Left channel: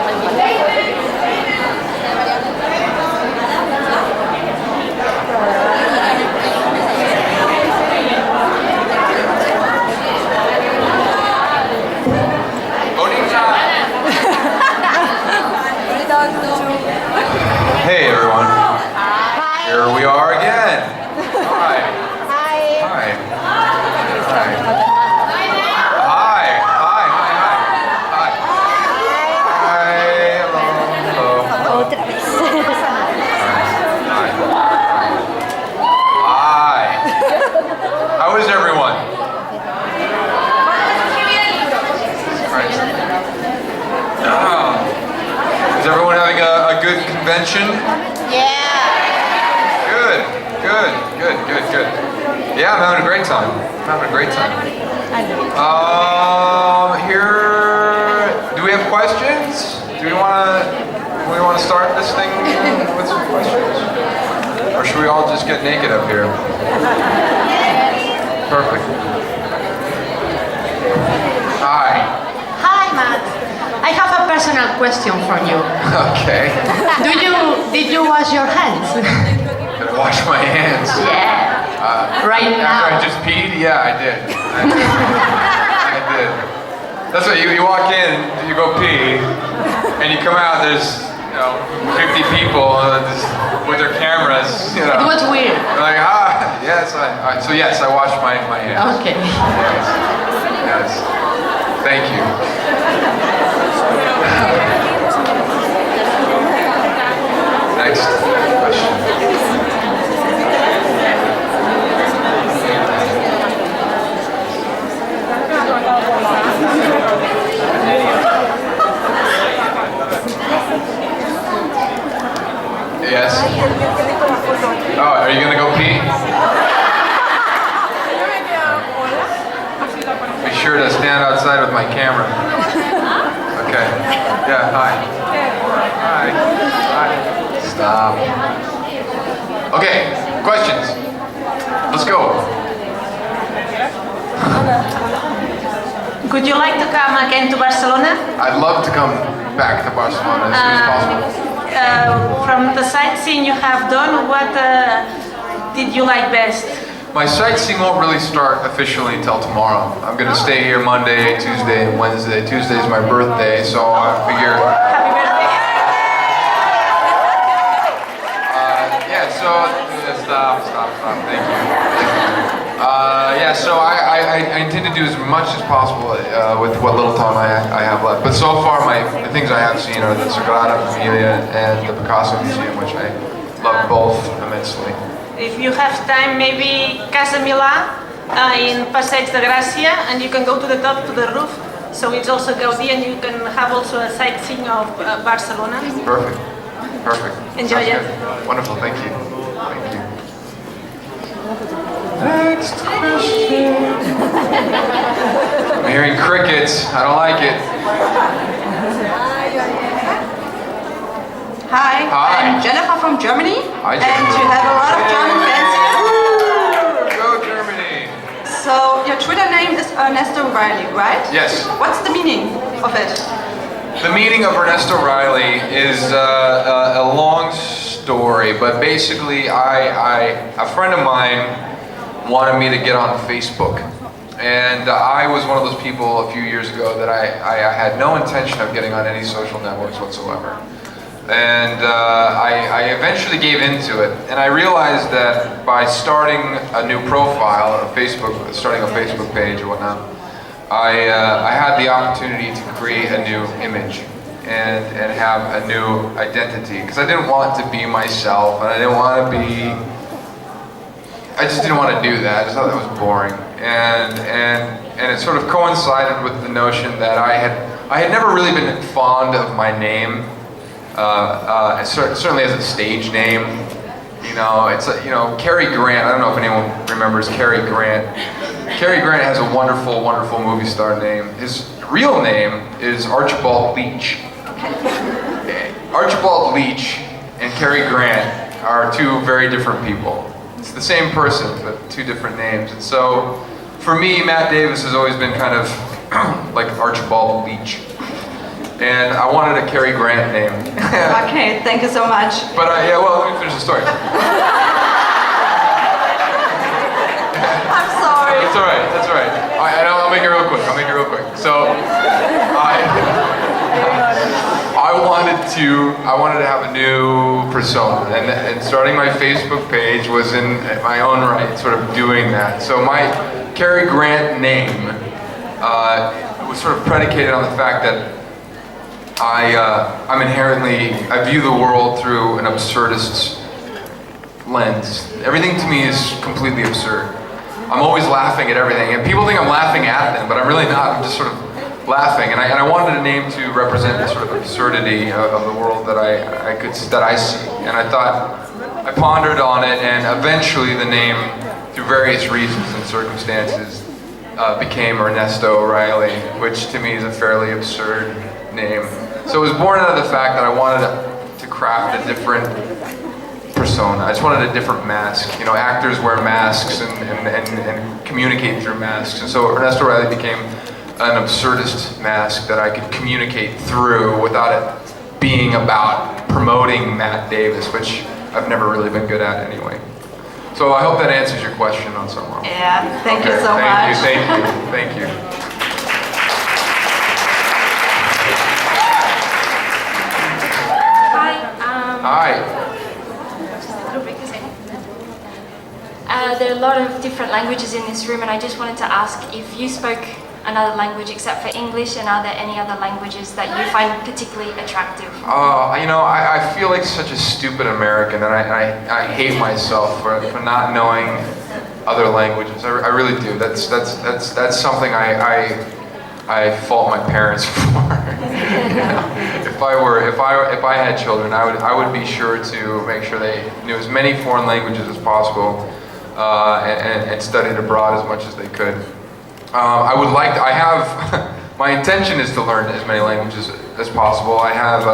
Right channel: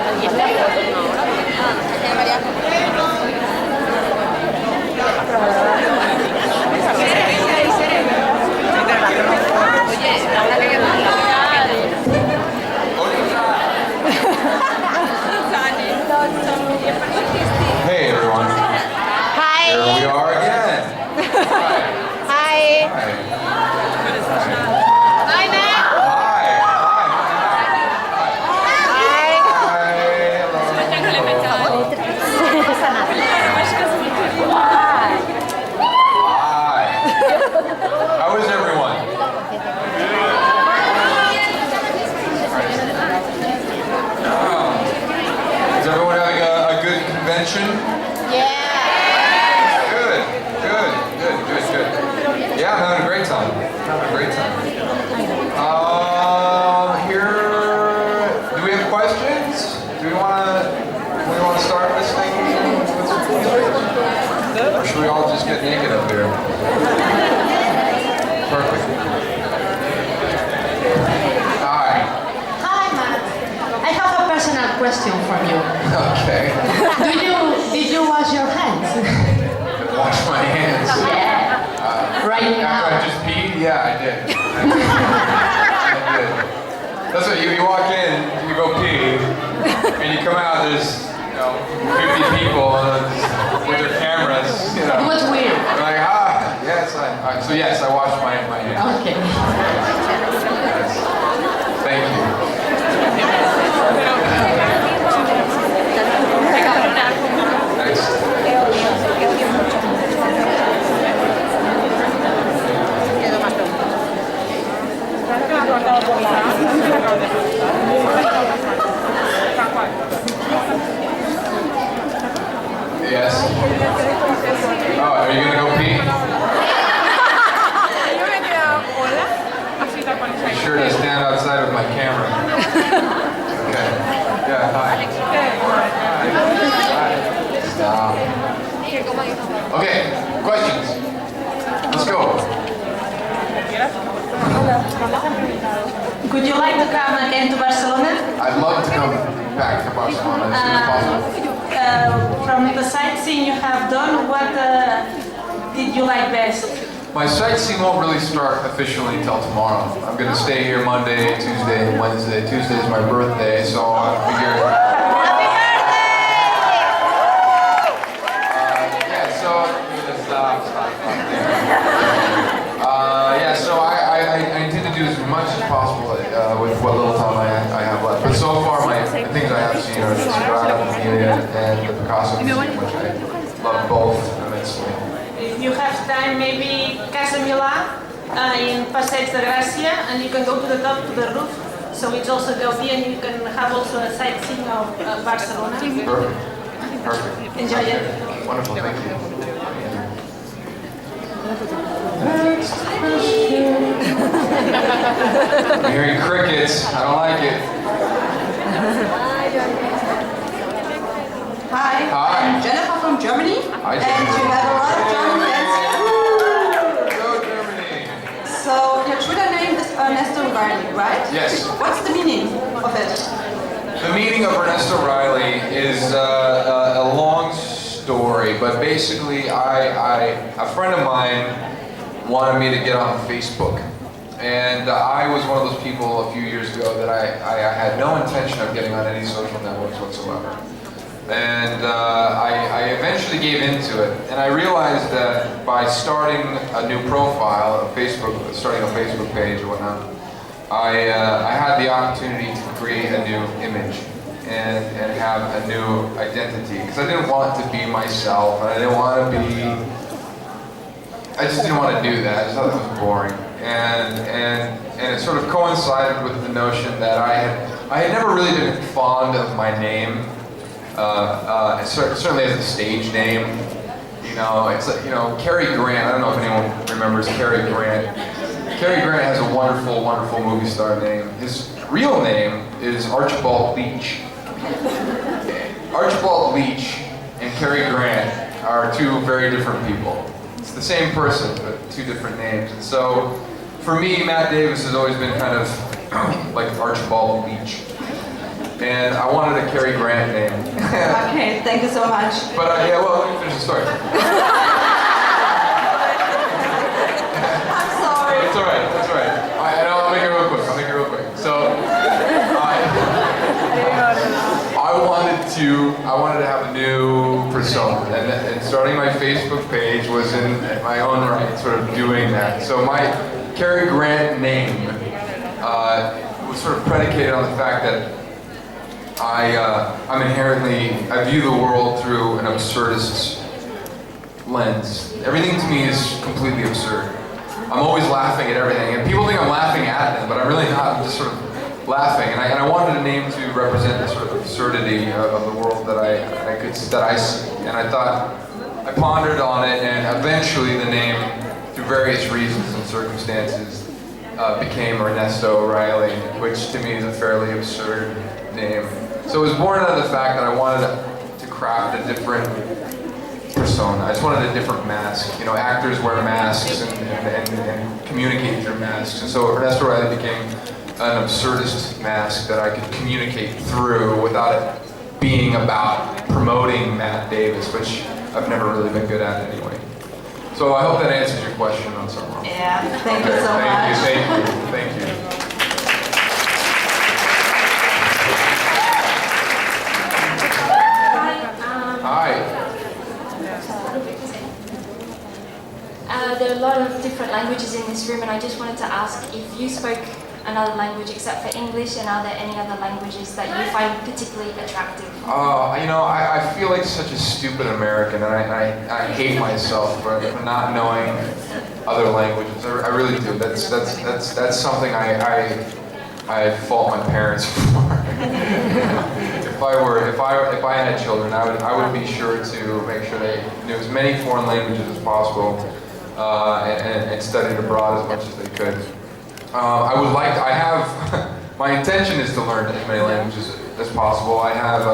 Hey everyone. Hi. Here we are again. Hi. Hi. Hi. Hi. Hi. Hi. How is everyone? Is everyone having a good convention? Yeah. Good. Yeah, I'm having a great time. Here, do we have questions? Do we want to start this thing with some questions? Or should we all just get naked up here? Perfect. Hi. Hi, Matt. I have a personal question for you. Okay. Did you wash your hands? Gonna wash my hands. Yeah. Right now. After I just peed? Yeah, I did. I did. That's what you walk in, you go pee, and you come out, there's 50 people with their cameras, It was weird. They're like, yes, so yes, I washed my hands. Okay. Yes. Thank you. Next question. Yes. Oh, are you gonna go pee? Be sure to stand outside with my camera. Okay. Yeah, hi. Hi. Stop. Okay, questions. Let's go. Would you like to come again to Barcelona? I'd love to come back to Barcelona as soon as possible. From the sightseeing you have done, what did you like best? My sightseeing won't really start officially until tomorrow. I'm going to stay here Monday, Tuesday, and Wednesday. Tuesday is my birthday, so I figure... Stop, thank you. So I intend to do as much as possible with what little time I have left. But so far, the things I have seen are the Sagrada Familia and the Picasso Museum, which I love both immensely. If you have time, maybe Casa Milà in Passeig de Gràcia, and you can go to the top, to the roof. So it's also Gaudí, and you can have also a sightseeing of Barcelona. Perfect. Enjoy it. Wonderful, thank you. Next question. I'm hearing crickets. I don't like it. Hi, I'm Jennifer from Germany. Hi, and Jennifer. you have a lot of German fans here. Go Germany. So your Twitter name is Ernesto Riley, right? Yes. What's the meaning of it? The meaning of Ernesto Riley is a long story, but basically a friend of mine wanted me to get on Facebook. And I was one of those people a few years ago that I had no intention of getting on any social networks whatsoever. And I eventually gave into it. And I realized that by starting a new profile on Facebook, starting a Facebook page or whatnot, I had the opportunity to create a new image and have a new identity. Because I didn't want to be myself, and I just didn't want to do that. I just thought that was boring. And it sort of coincided with the notion that I had never really been fond of my name, certainly as a stage name. It's Cary Grant. I don't know if anyone remembers Cary Grant. Cary Grant has a wonderful, wonderful movie star name. His real name is Archibald Leach. Archibald Leach and Cary Grant are two very different people. It's the same person, but two different names. And so, for me, Matt Davis has always been kind of like Archibald Leach. and I wanted a Cary Grant name. Okay, thank you so much. But yeah, well, let me finish the story. I'm sorry. It's all right. That's all right. I'll make it real quick. So, I wanted to have a new persona, and starting my Facebook page was in my own right, sort of doing that. So my Cary Grant name was sort of predicated on the fact that I view the world through an absurdist's lens. Everything to me is completely absurd. I'm always laughing at everything, and people think I'm laughing at them, but I'm really not. I'm just sort of laughing, and I wanted a name to represent the sort of absurdity of the world that I see. And I pondered on it, and eventually the name, through various reasons and circumstances, became Ernesto O'Reilly, which to me is a fairly absurd name. So it was born out of the fact that I wanted to craft a different persona. I just wanted a different mask. You know, actors wear masks and communicate through masks, and so Ernesto O'Reilly became an absurdist mask that I could communicate through without it being about promoting Matt Davis, which I've never really been good at anyway. So I hope that answers your question on some level. Yeah, thank you so much. Thank you. Hi. There are a lot of different languages in this room, and I just wanted to ask if you spoke another language except for English, and are there any other languages that you find particularly attractive? You know, I feel like such a stupid American, and I hate myself for not knowing other languages. I really do. That's something I fault my parents for. If I had children, I would be sure to make sure they knew as many foreign languages as possible, and studied abroad as much as they could. My intention is to learn as many languages as possible. I have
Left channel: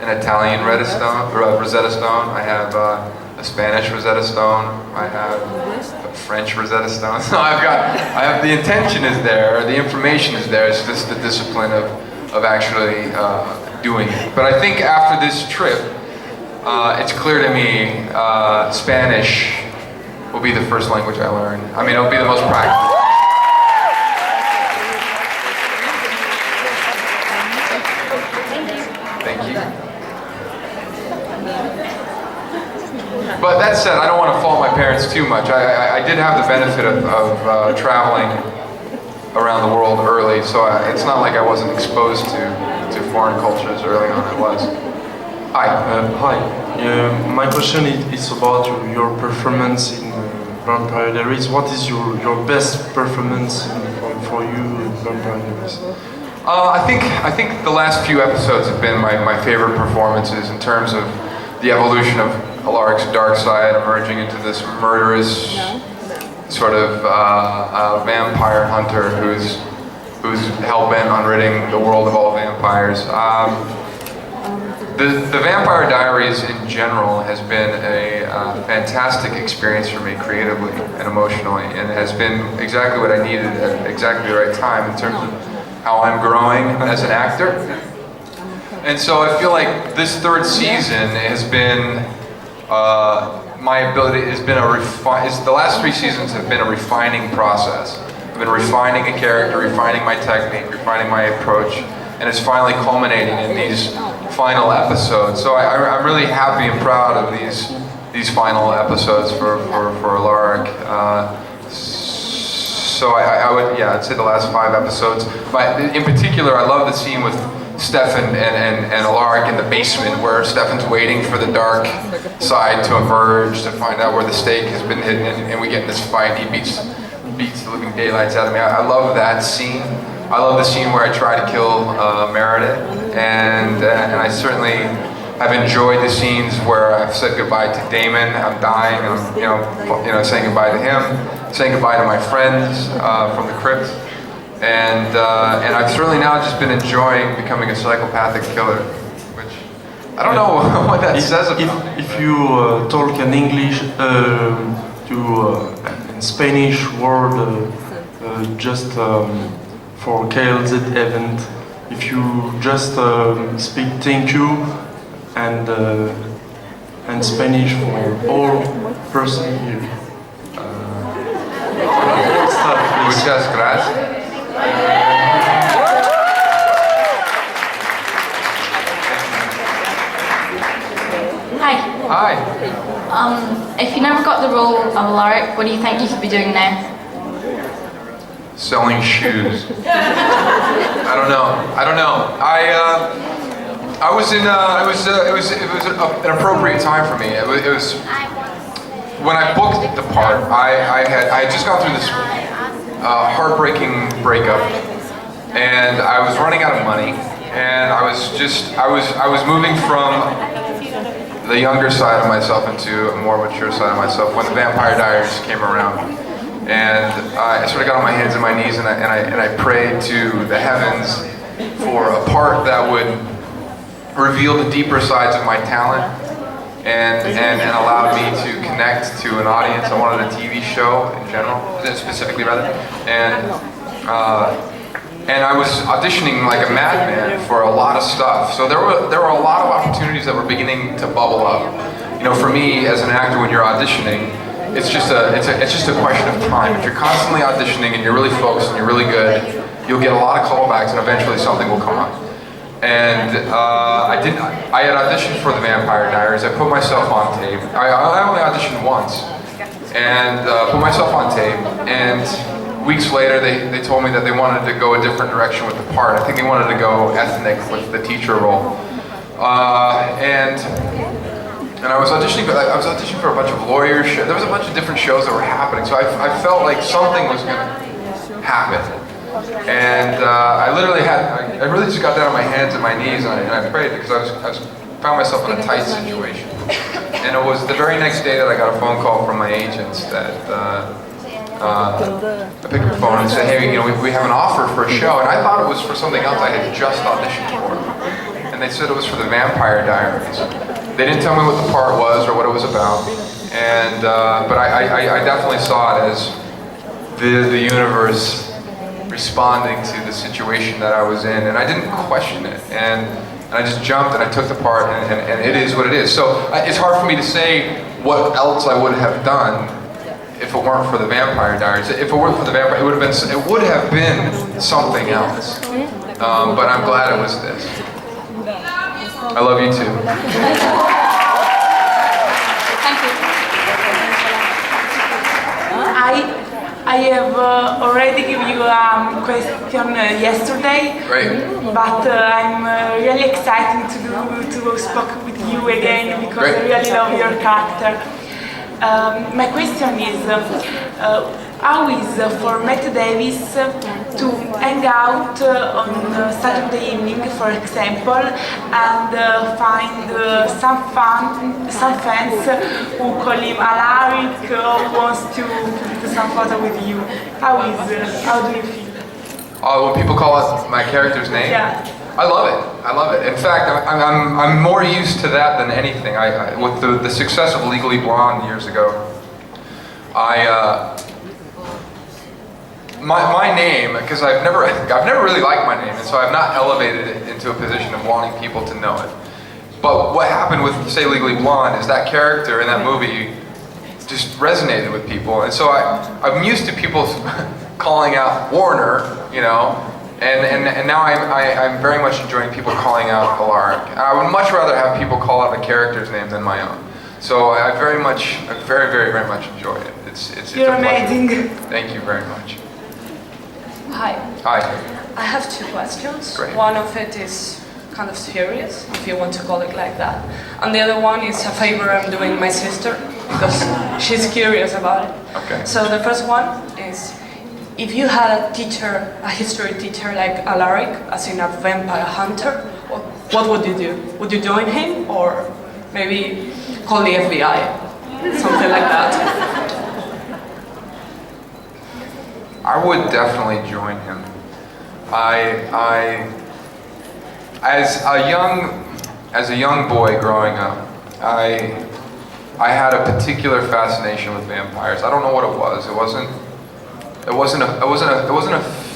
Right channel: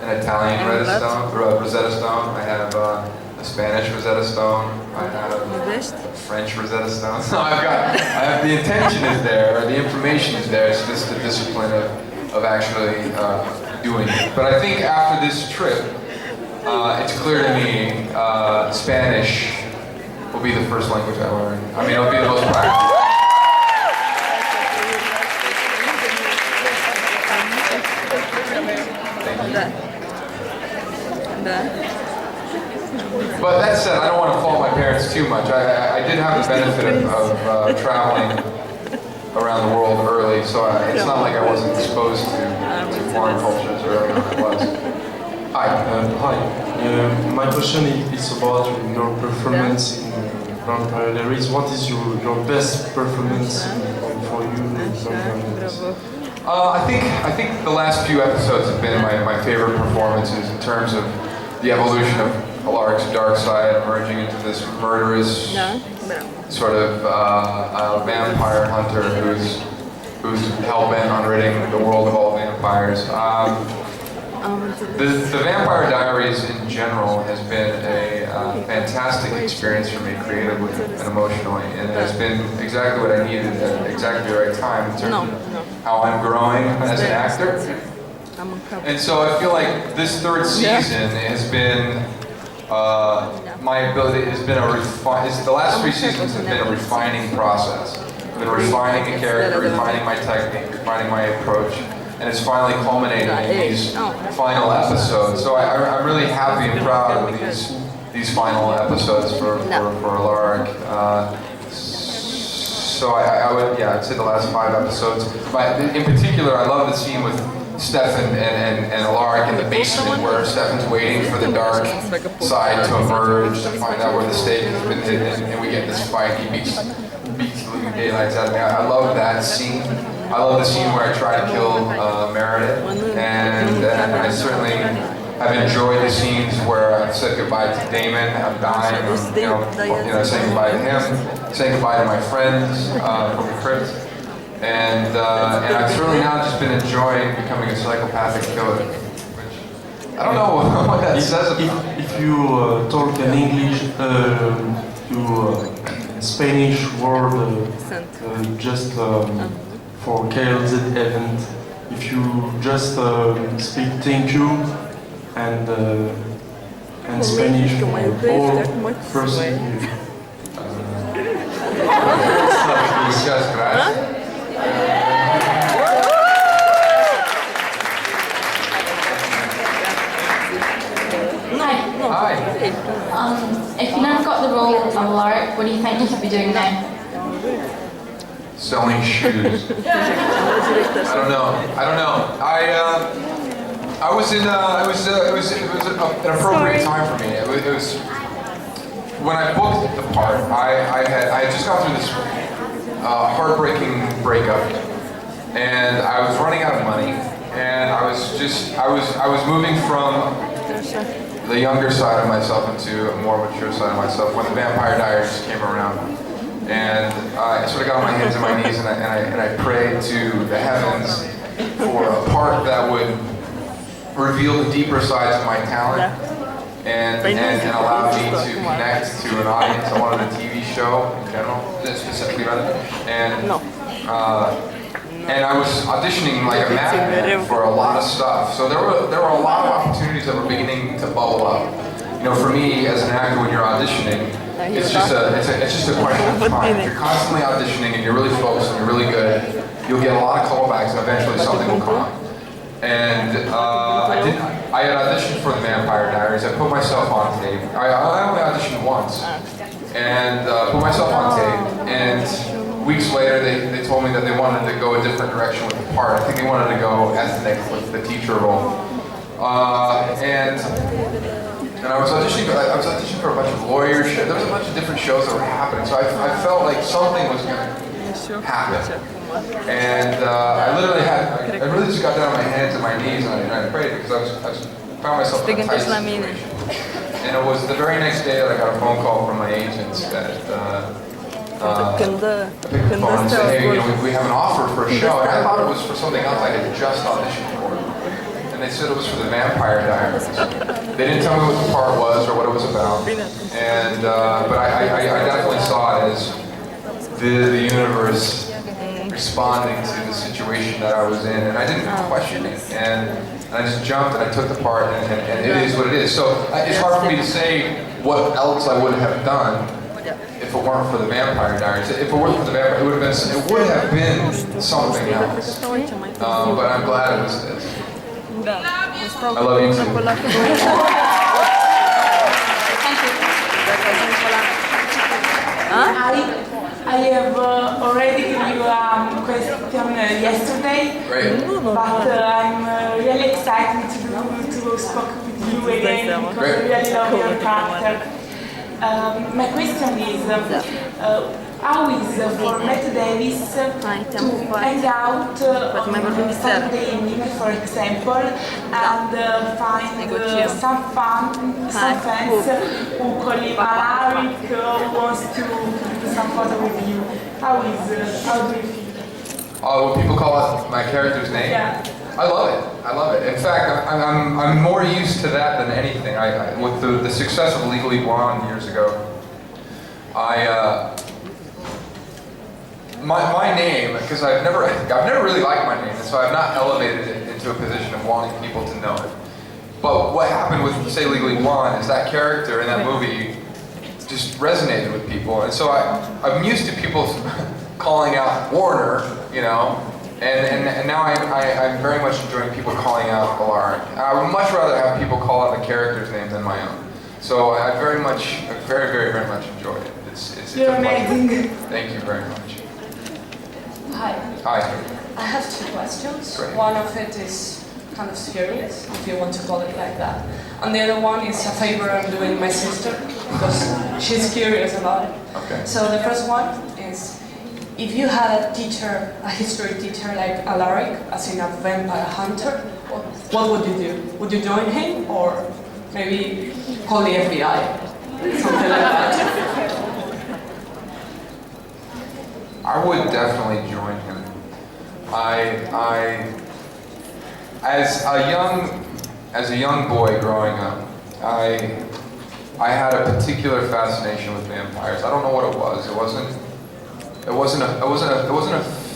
an Italian Rosetta Stone, I have a Spanish Rosetta Stone, I have a French Rosetta Stone. So the intention is there, the information is there, it's just the discipline of actually doing it. But I think after this trip, it's clear to me Spanish will be the first language I learn. I mean, it'll be the most practical. But that said, I don't want to fault my parents too much. I did have the benefit of traveling around the world early, so it's not like I wasn't exposed to foreign cultures early on. I was. Hi. Hi. My question is about your performance in Vampire Diaries. What is your best performance for you in Vampire Diaries? I think the last few episodes have been my favorite performances in terms of the evolution of Alaric's dark side, emerging into this murderous sort of vampire hunter who's hell-bent on ridding the world of all vampires. The Vampire Diaries in general has been a fantastic experience for me creatively and emotionally, and has been exactly what I needed at exactly the right time in terms of how I'm growing as an actor. And so I feel like this third season has been the last 3 seasons have been a refining process. I've been refining a character, refining my technique, refining my approach, and it's finally culminated in these final episodes. So I'm really happy and proud of these final episodes for Alaric. So I'd say the last 5 episodes. But in particular, I love the scene with Stefan and Alaric in the basement, where Stefan's waiting for the dark side to emerge to find out where the stake has been hidden, and we get this fight. He beats the living daylights out of me. I love that scene. I love the scene where I try to kill Meredith, and I certainly have enjoyed the scenes where I've said goodbye to Damon. I'm dying. I'm saying goodbye to him, saying goodbye to my friends from the crypt. And I've certainly now just been enjoying becoming a psychopathic killer, which I don't know what that says about. If you talk in English, Spanish word just for KLZ event, if you just speak thank you and Spanish for all person here. Muchas gracias. Hi. Hi. If you never got the role of Alaric, what do you think you could be doing now? Selling shoes. I don't know. I was in. It was an appropriate time for me. It was when I booked the part. I had just gone through this heartbreaking breakup, and I was running out of money, and I was moving from the younger side of myself into a more mature side of myself when the Vampire Diaries came around. And I sort of got on my hands and my knees and I prayed to the heavens for a part that would reveal the deeper sides of my talent and allow me to connect to an audience. I wanted a TV show in general, specifically rather. And I was auditioning like a madman for a lot of stuff. So there were a lot of opportunities that were beginning to bubble up. You know, for me as an actor, when you're auditioning, it's just a question of time. If you're constantly auditioning and you're really focused and you're really good, you'll get a lot of callbacks and eventually something will come up. And I had auditioned for the Vampire Diaries. I put myself on tape. I only auditioned once and put myself on tape. And weeks later, they told me that they wanted to go a different direction with the part. I think they wanted to go ethnic with the teacher role. And I was auditioning for a bunch of lawyers. There was a bunch of different shows that were happening, so I felt like something was going to happen. And I really just got down on my hands and my knees and I prayed because I found myself in a tight situation. And it was the very next day that I got a phone call from my agents that I picked the phone and said, hey, you know, we have an offer for a show, and I thought it was for something else I had just auditioned for. And they said it was for the Vampire Diaries. They didn't tell me what the part was or what it was about, and but I definitely saw it as the universe responding to the situation that I was in, and I didn't question it, and I just jumped and I took the part, and it is what it is. So it's hard for me to say what else I would have done if it weren't for the Vampire Diaries. If it weren't for the Vampire, it would have been something else. But I'm glad it was this. I love you too. Thank you. I have already given you a question yesterday, Great. but I'm really excited to speak with you again because Great. I really love your character. My question is, how is for Matt Davis to hang out on Saturday evening, for example, and find some fans who call him Alaric, who wants to do some photo with you? How do you feel? When people call out my character's name? Yeah. I love it. I love it. In fact, I'm more used to that than anything. With the success of Legally Blonde years ago, my name, because I've never really liked my name, and so I've not elevated it into a position of wanting people to know it. But what happened with, say, Legally Blonde is that character in that movie just resonated with people, and so I'm used to people calling out Warner, you know. And now I'm very much enjoying people calling out Alaric. I would much rather have people call out the character's name than my own. So I very, very much enjoy it. It's You're a pleasure. amazing. Thank you very much. Hi. Hi. I have two questions. Great. One of it is kind of serious, if you want to call it like that. And the other one is a favor I'm doing my sister, because she's curious about it. Okay. So the first one is, if you had a teacher, a history teacher like Alaric, as in a vampire hunter, what would you do? Would you join him, or maybe call the FBI? Something like that. I would definitely join him. As a young boy growing up, I had a particular fascination with vampires. I don't know what it was. It wasn't a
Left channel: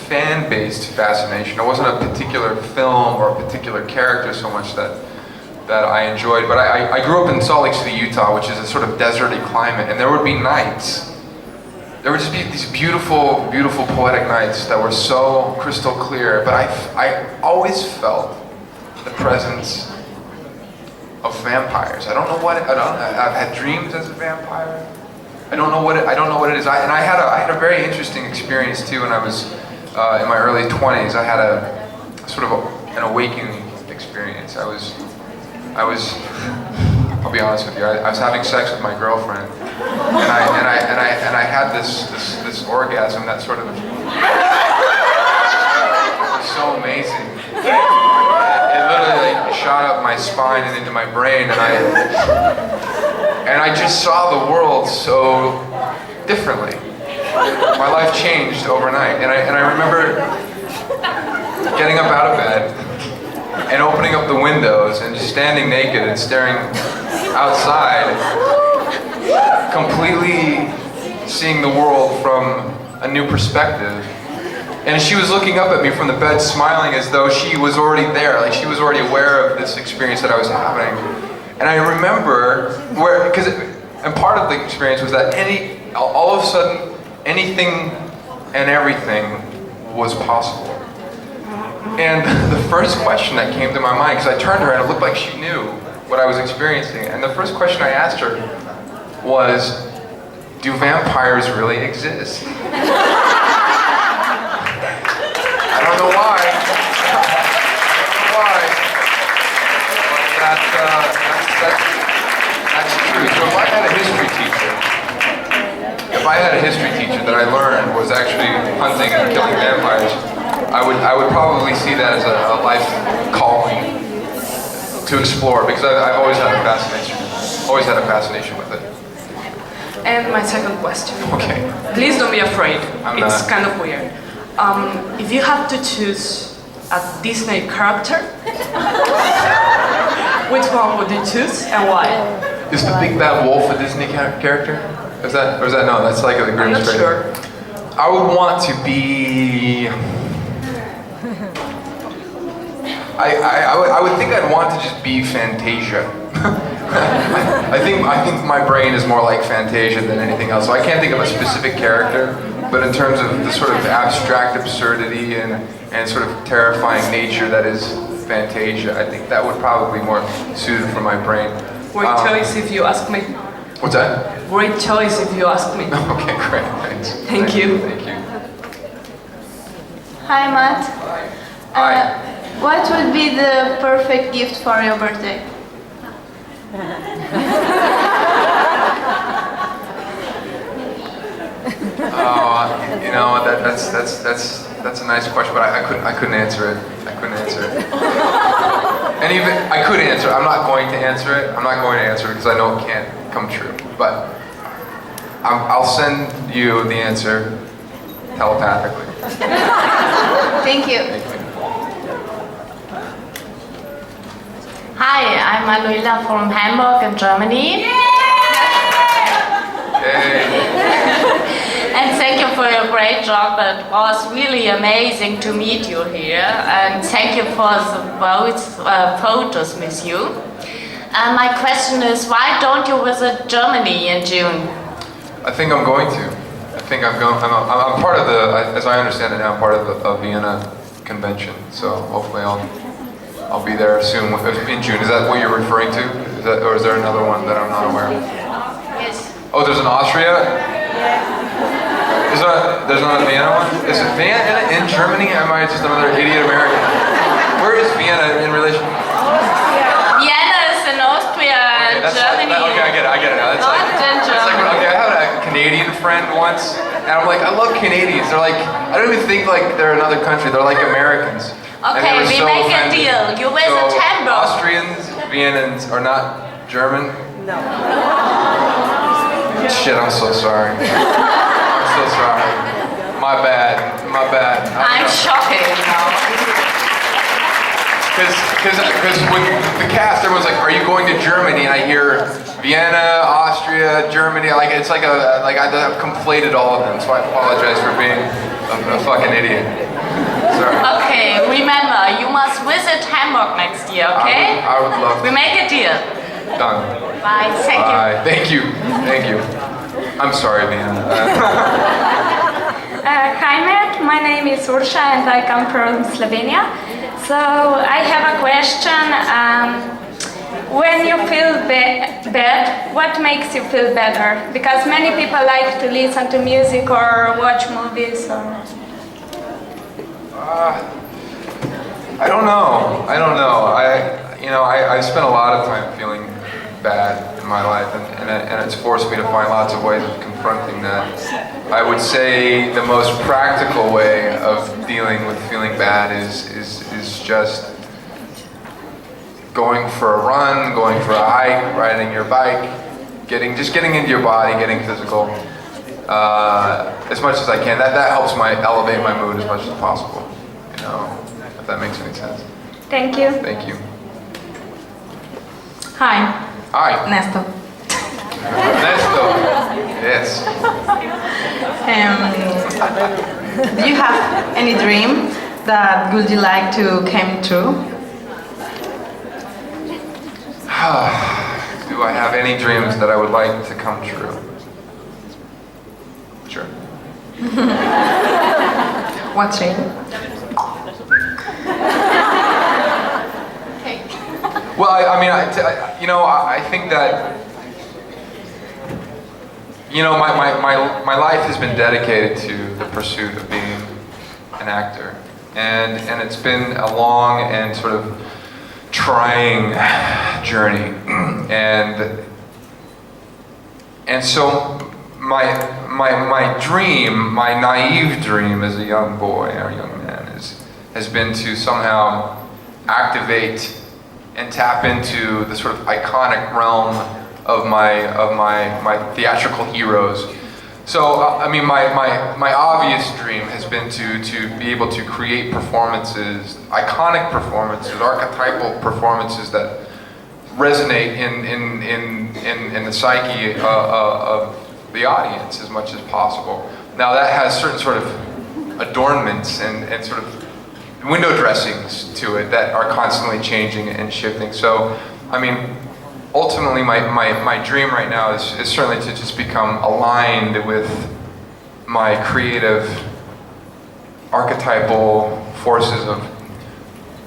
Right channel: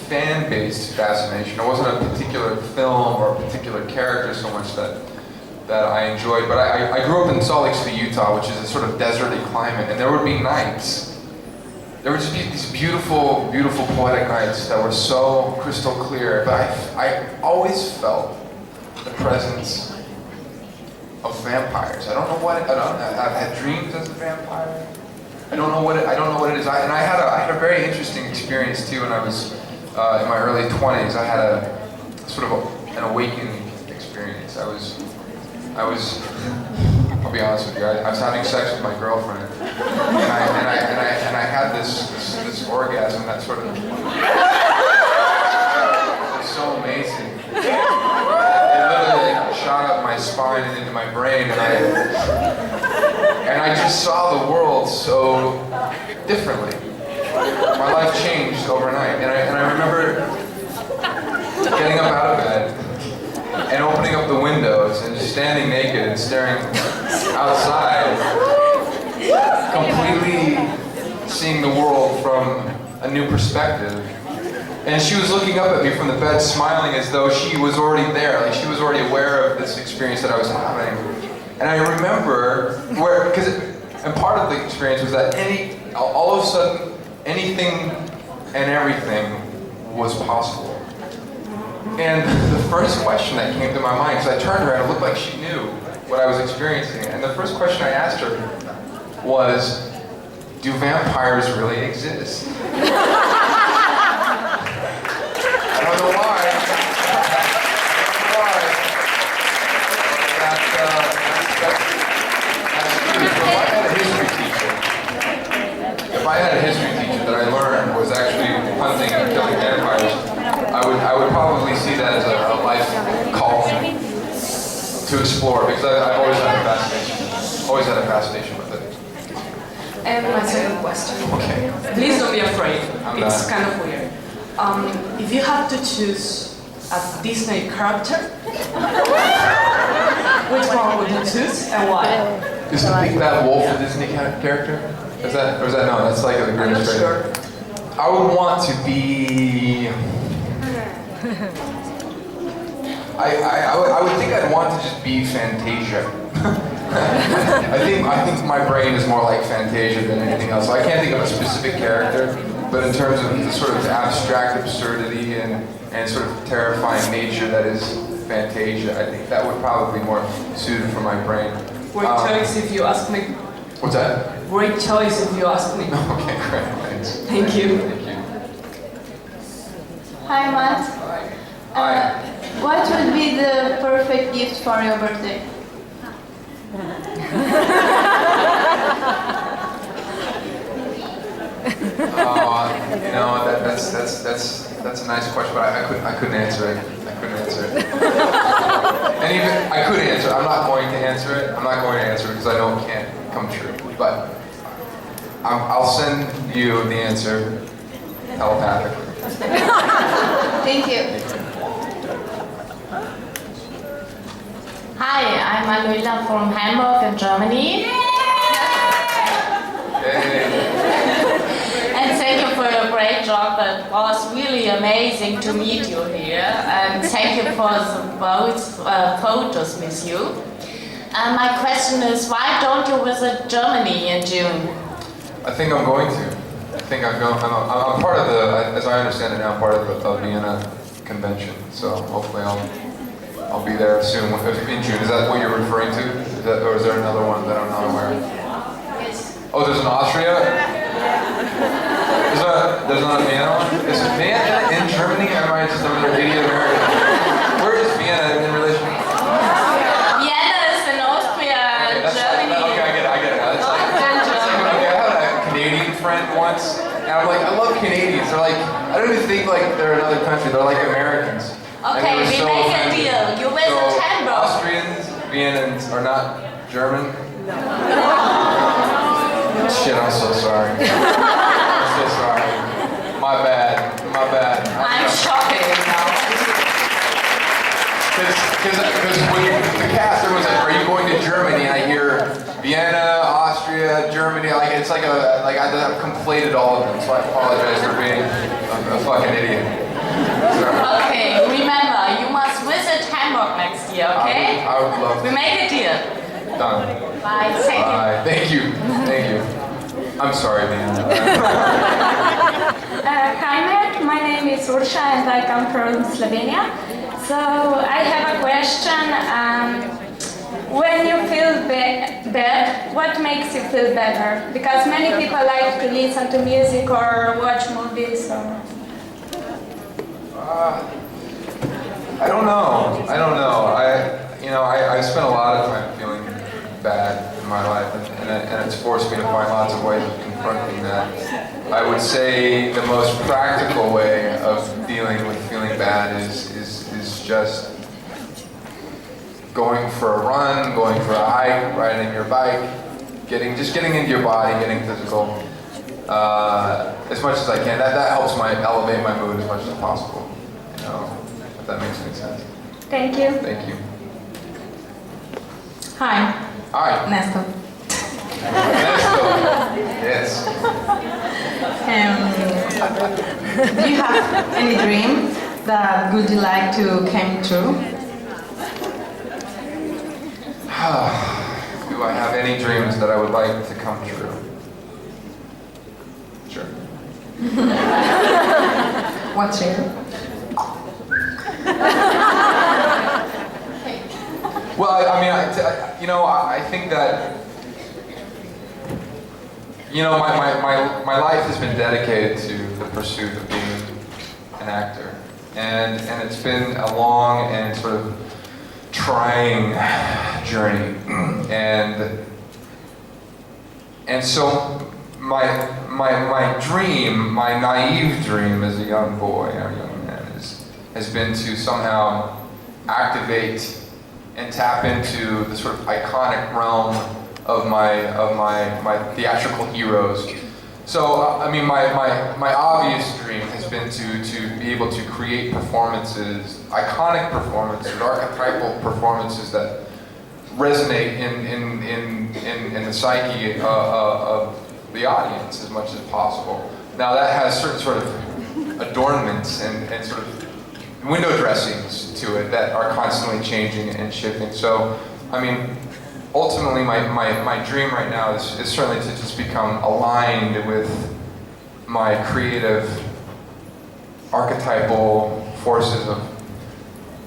fan-based fascination. It wasn't a particular film or a particular character so much that I enjoyed. But I grew up in Salt Lake City, Utah, which is a sort of deserty climate, and there would be nights. There would just be these beautiful, beautiful poetic nights that were so crystal clear. But I always felt the presence of vampires. I don't know what I've had dreams as a vampire. I don't know what it is. And I had a very interesting experience too when I was in my early 20s. I had a sort of an awakening experience. I was I'll be honest with you. I was having sex with my girlfriend, and I had this orgasm that sort of was so amazing. It literally shot up my spine and into my brain, and I just saw the world so differently. My life changed overnight, and I remember getting up out of bed and opening up the windows and just standing naked and staring outside, completely seeing the world from a new perspective. And she was looking up at me from the bed, smiling as though she was already there, like she was already aware of this experience that I was having. And I remember and part of the experience was that all of a sudden, anything and everything was possible. And the first question that came to my mind, because I turned to her and it looked like she knew what I was experiencing, and the first question I asked her was, do vampires really exist? I don't know why. That's true. So if I had a history teacher that I learned was actually hunting and killing vampires, I would probably see that as a life calling to explore, because I've always had a fascination with it. And my second question. Okay. Please don't be afraid. I'm It's not. kind of weird. If you had to choose a Disney character, which one would you choose and why? Is the Big Bad Wolf a Disney character? Or is that no? That's like the I'm Grimm's not Fairy. sure. I would want to be. I would think I'd want to just be Fantasia. I think my brain is more like Fantasia than anything else. So I can't think of a specific character, but in terms of the sort of abstract absurdity and sort of terrifying nature that is Fantasia, I think that would probably be more suited for my brain. Great choice if you ask me. What's that? Great choice if you ask me. Okay, great. Thanks. Thank you. Thank you. Hi, Matt. Hi. What would be the perfect gift for your birthday? That's a nice question, but I couldn't answer it. And even I could answer. I'm not going to answer it. Because I know it can't come true. But I'll send you the answer telepathically. Thank you. Hi, I'm Aloila from Hamburg in Germany. Hey. And thank you for your great job. It was really amazing to meet you here. And thank you for the photos with you. And my question is, why don't you visit Germany in June? I think I'm going to. I'm part of the, as I understand it now, I'm part of the Vienna convention. So hopefully I'll be there soon in June. Is that what you're referring to? Or is there another one that I'm not aware of? Yes. Oh, there's an Austria? There's not a Vienna one? Is it Vienna in Germany? Or am I just another idiot American? Where is Vienna in relation? Vienna is in Austria, Germany. Okay, I get it now. That's like, okay, I had a Canadian friend once, and I'm like, I love Canadians. They're like, I don't even think like they're another country. They're like Americans. Okay, we make a deal. You visit Hamburg. Austrians, Viennans are not German? No. Shit, I'm so sorry. I'm so sorry. My bad. I'm shocking now. Because when the cast, everyone's like, "Are you going to Germany?" And I hear Vienna, Austria, Germany. Like I've conflated all of them. So I apologize for being a fucking idiot. here, okay? I would love We to. make a deal. Done. Bye. Thank you. Bye. Thank you. Thank you. I'm sorry, man. Hi, Matt. My name is Ursha and I come from Slovenia. So I have a question. When you feel bad, what makes you feel better? Because many people like to listen to music or watch movies. I don't know. I spent a lot of time feeling bad in my life, and it's forced me to find lots of ways of confronting that. I would say the most practical way of dealing with feeling bad is just going for a run, going for a hike, riding your bike, getting into your body, getting physical as much as I can. That helps elevate my mood as much as possible. If that makes any sense. Thank you. Thank you. Hi, Hi, Nestor. Ernesto. Yes. Do you have any dream that would you like to come true? Do I have any dreams that I would like to come true? Sure. What dream? Well, I think that, my life has been dedicated to the pursuit of being an actor, and it's been a long and sort of trying journey, and so my dream, my naive dream as a young boy or young man has been to somehow activate and tap into the sort of iconic realm of my theatrical heroes. So, my obvious dream has been to be able to create performances, iconic performances, archetypal performances that resonate in the psyche of the audience as much as possible. Now that has certain sort of adornments and sort of window dressings to it that are constantly changing and shifting. So, ultimately my dream right now is certainly to just become aligned with my creative archetypal forces of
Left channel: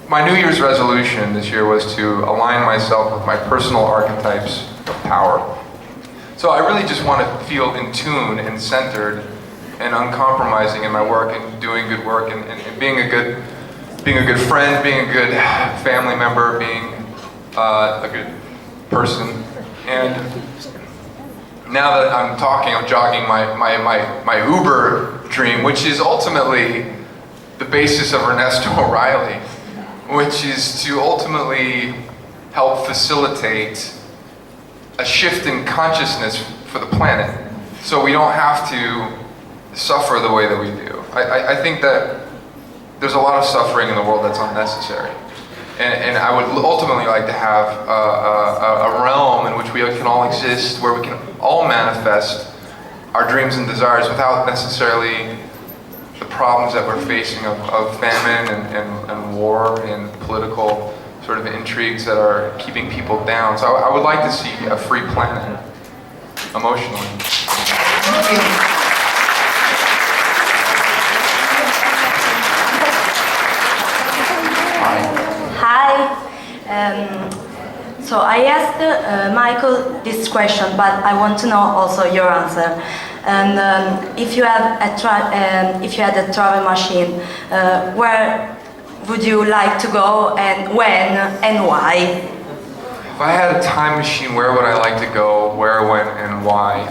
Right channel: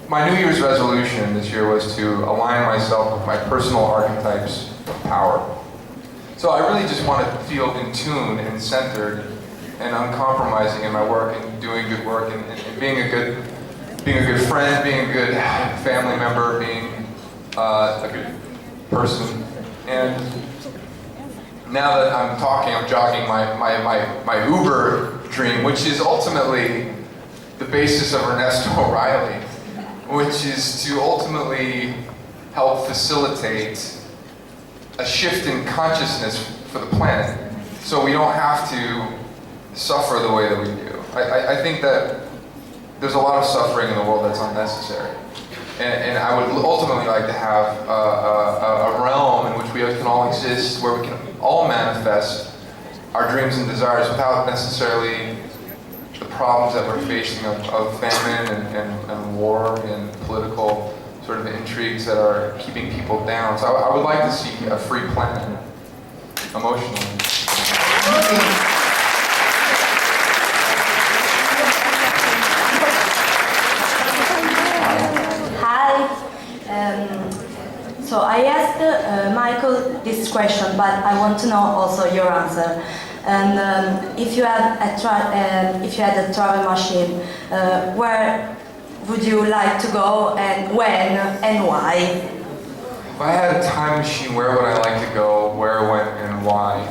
my New Year's resolution this year was to align myself with my personal archetypes of power. So I really just want to feel in tune and centered and uncompromising in my work and doing good work and being a good friend, being a good family member, being a good person. And now that I'm jogging my Uber dream, which is ultimately the basis of Ernesto O'Reilly, which is to ultimately help facilitate a shift in consciousness for the planet, so we don't have to suffer the way that we do. I think that there's a lot of suffering in the world that's unnecessary. And I would ultimately like to have a realm in which we can all exist, where we can all manifest our dreams and desires without necessarily the problems that we're facing of famine and war and political sort of intrigues that are keeping people down. So I would like to see a free planet, emotionally. So I asked Michael this question, but I want to know also your answer. And if you had a travel machine, where would you like to go, and when, and why? If I had a time machine, where would I like to go? Where, when, and why?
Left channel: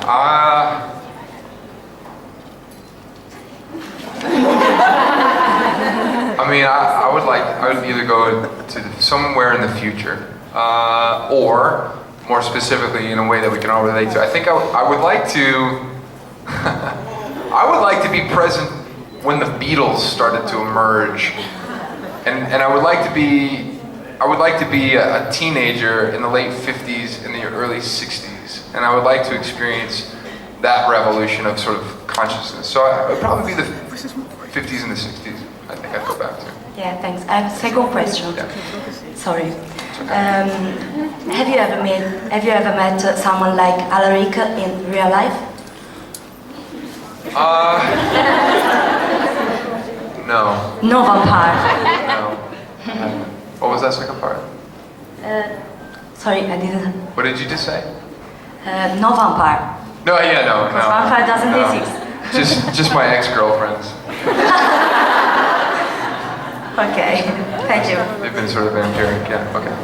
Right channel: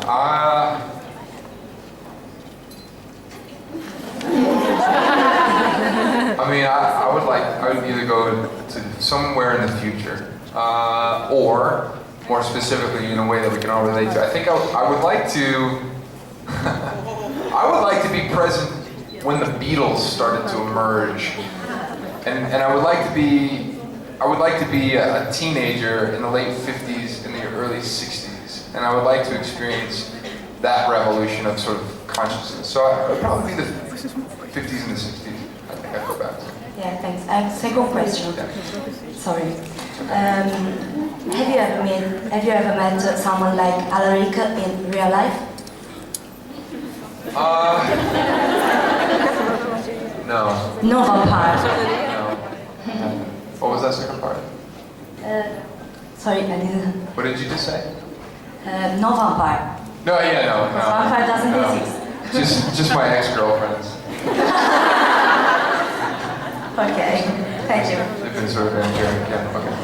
I would either go to somewhere in the future, or more specifically in a way that we can all relate to. I think I would like to, I would like to be present when the Beatles started to emerge, and I would like to be a teenager in the late 50s and the early 60s, and I would like to experience that revolution of sort of consciousness. So it would probably be the 50s and the 60s. I think I'd go back to. Yeah, thanks. I have a second question. Sorry. Have you ever met someone like Alaric in real life? No. No vampire. No. What was that second part? Sorry, I didn't. What did you just say? No vampire. No, yeah, no. Vampire doesn't exist. Just my ex-girlfriends. Okay, thank you. They've been sort of endearing. Yeah, okay.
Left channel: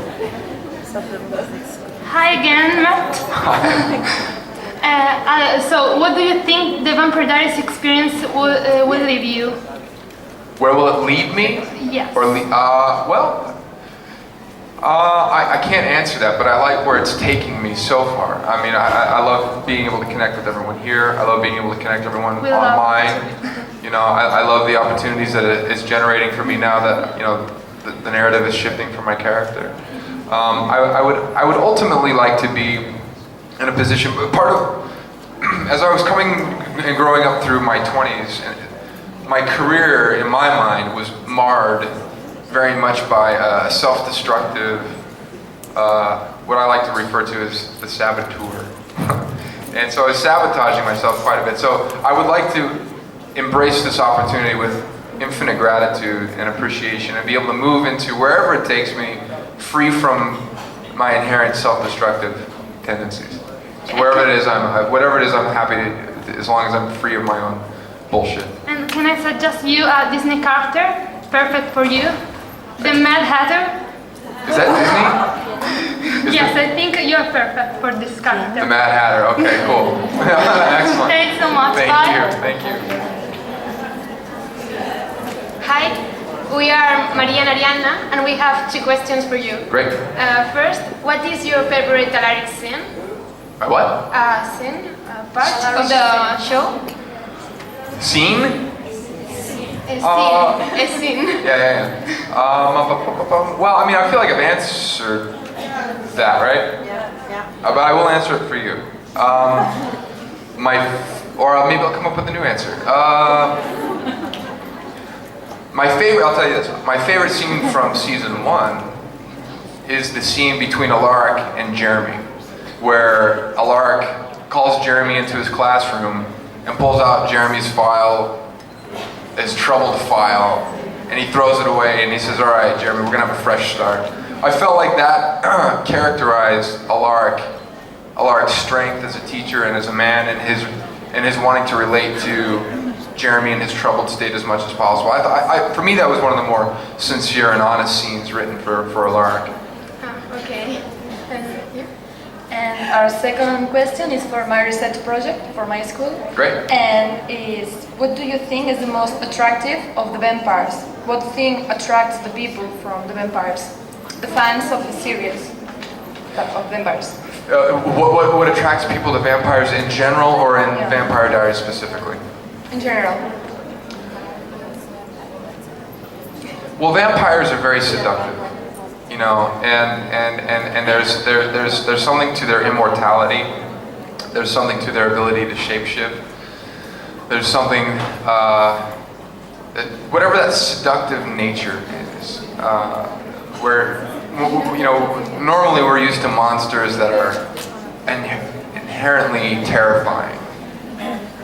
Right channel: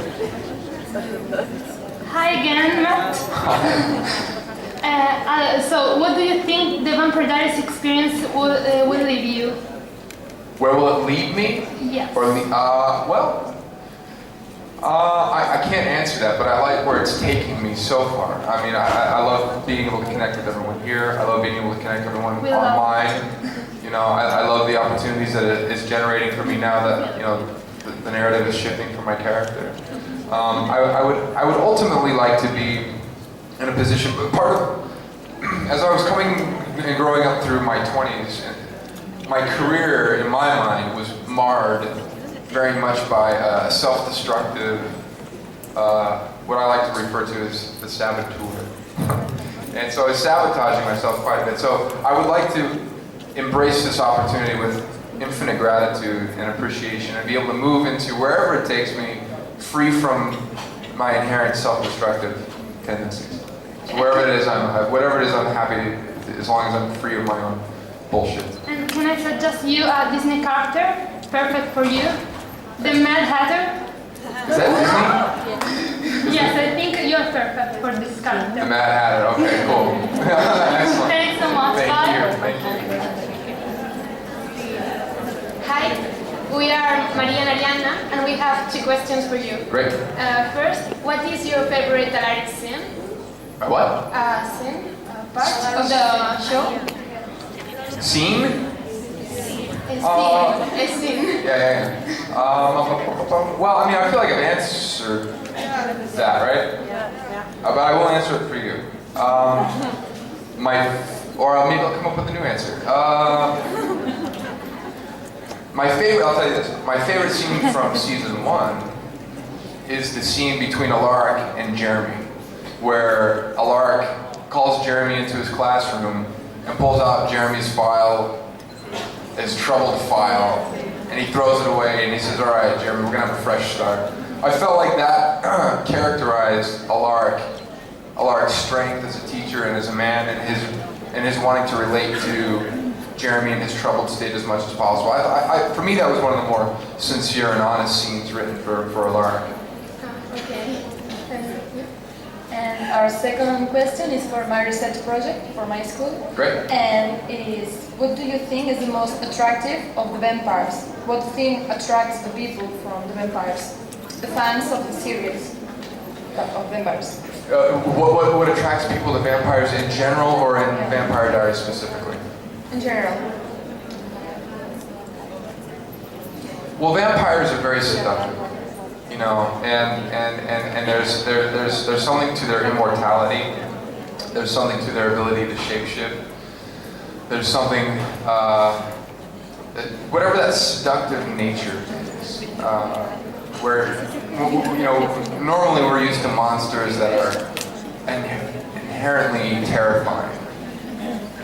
Hi again, Matt. So, what do you think the Vampire Diaries experience will leave you? Where will it lead me? Yes. Or I can't answer that, but I like where it's taking me so far. I mean, I love being able to connect with everyone here. I love being able to connect with everyone online. You know, I love the opportunities that it's generating for me now that, you know, the narrative is shifting for my character. I would ultimately like to be in a position, part of, as I was coming and growing up through my 20s, my career, in my mind, was marred very much by a self-destructive, what I like to refer to as the saboteur. And so I was sabotaging myself quite a bit. So I would like to embrace this opportunity with infinite gratitude and appreciation and be able to move into wherever it takes me, free from my inherent self-destructive tendencies. So wherever it is, whatever it is, I'm happy as long as I'm free of my own bullshit. And can I suggest you a Disney character? Perfect for you. The Mad Hatter. Is that Disney? Yes, I think you're perfect for this character. The Mad Hatter, okay, cool. Excellent. Thanks so much. Thank Bye. you, thank you. Hi, we are Maria and Arianna, and we have 2 questions for you. Great. First, what is your favorite Alaric scene? What? Scene? Part of the show? Scene? A scene. Yeah. Well, I mean, I feel like I've answered that, right? Yeah. But I will answer it for you. Or maybe I'll come up with a new answer. My favorite, I'll tell you this, my favorite scene from season 1 is the scene between Alaric and Jeremy, where Alaric calls Jeremy into his classroom and pulls out Jeremy's file, his troubled file, and he throws it away and he says, all right, Jeremy, we're gonna have a fresh start. I felt like that characterized Alaric's strength as a teacher and as a man, and his wanting to relate to Jeremy in his troubled state as much as possible. For me, that was one of the more sincere and honest scenes written for Alaric. Okay. And our second question is for my research project for my school. Great. And is, what do you think is the most attractive of the vampires? What thing attracts the people from the vampires? The fans of the series of vampires. What attracts people to vampires in general, or in Vampire Diaries specifically? In general. Well, vampires are very seductive, you know, and there's something to their immortality. There's something to their ability to shapeshift. There's something, whatever that seductive nature is, where, you know, normally we're used to monsters that are inherently terrifying,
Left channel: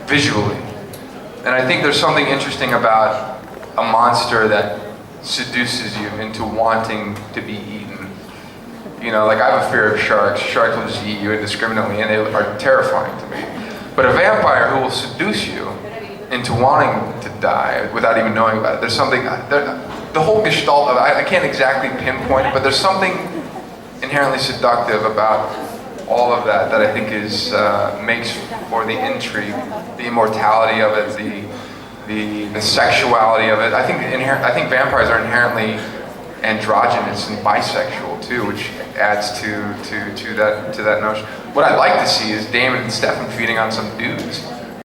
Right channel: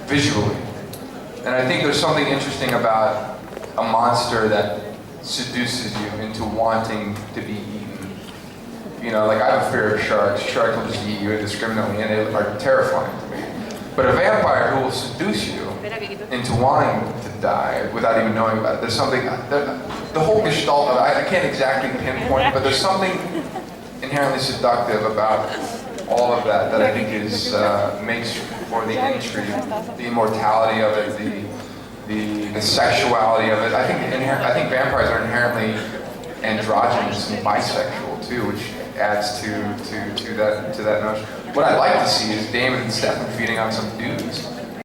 visually. And I think there's something interesting about a monster that seduces you into wanting to be eaten. You know, like I have a fear of sharks. Sharks will just eat you indiscriminately, and they are terrifying to me. But a vampire who will seduce you into wanting to die without even knowing about it, there's something, the whole gestalt of it, I can't exactly pinpoint it, but there's something inherently seductive about all of that I think is makes for the intrigue, the immortality of it, the sexuality of it. I think vampires are inherently androgynous and bisexual too, which adds to that notion. What I'd like to see is Damon and Stefan feeding on some dudes.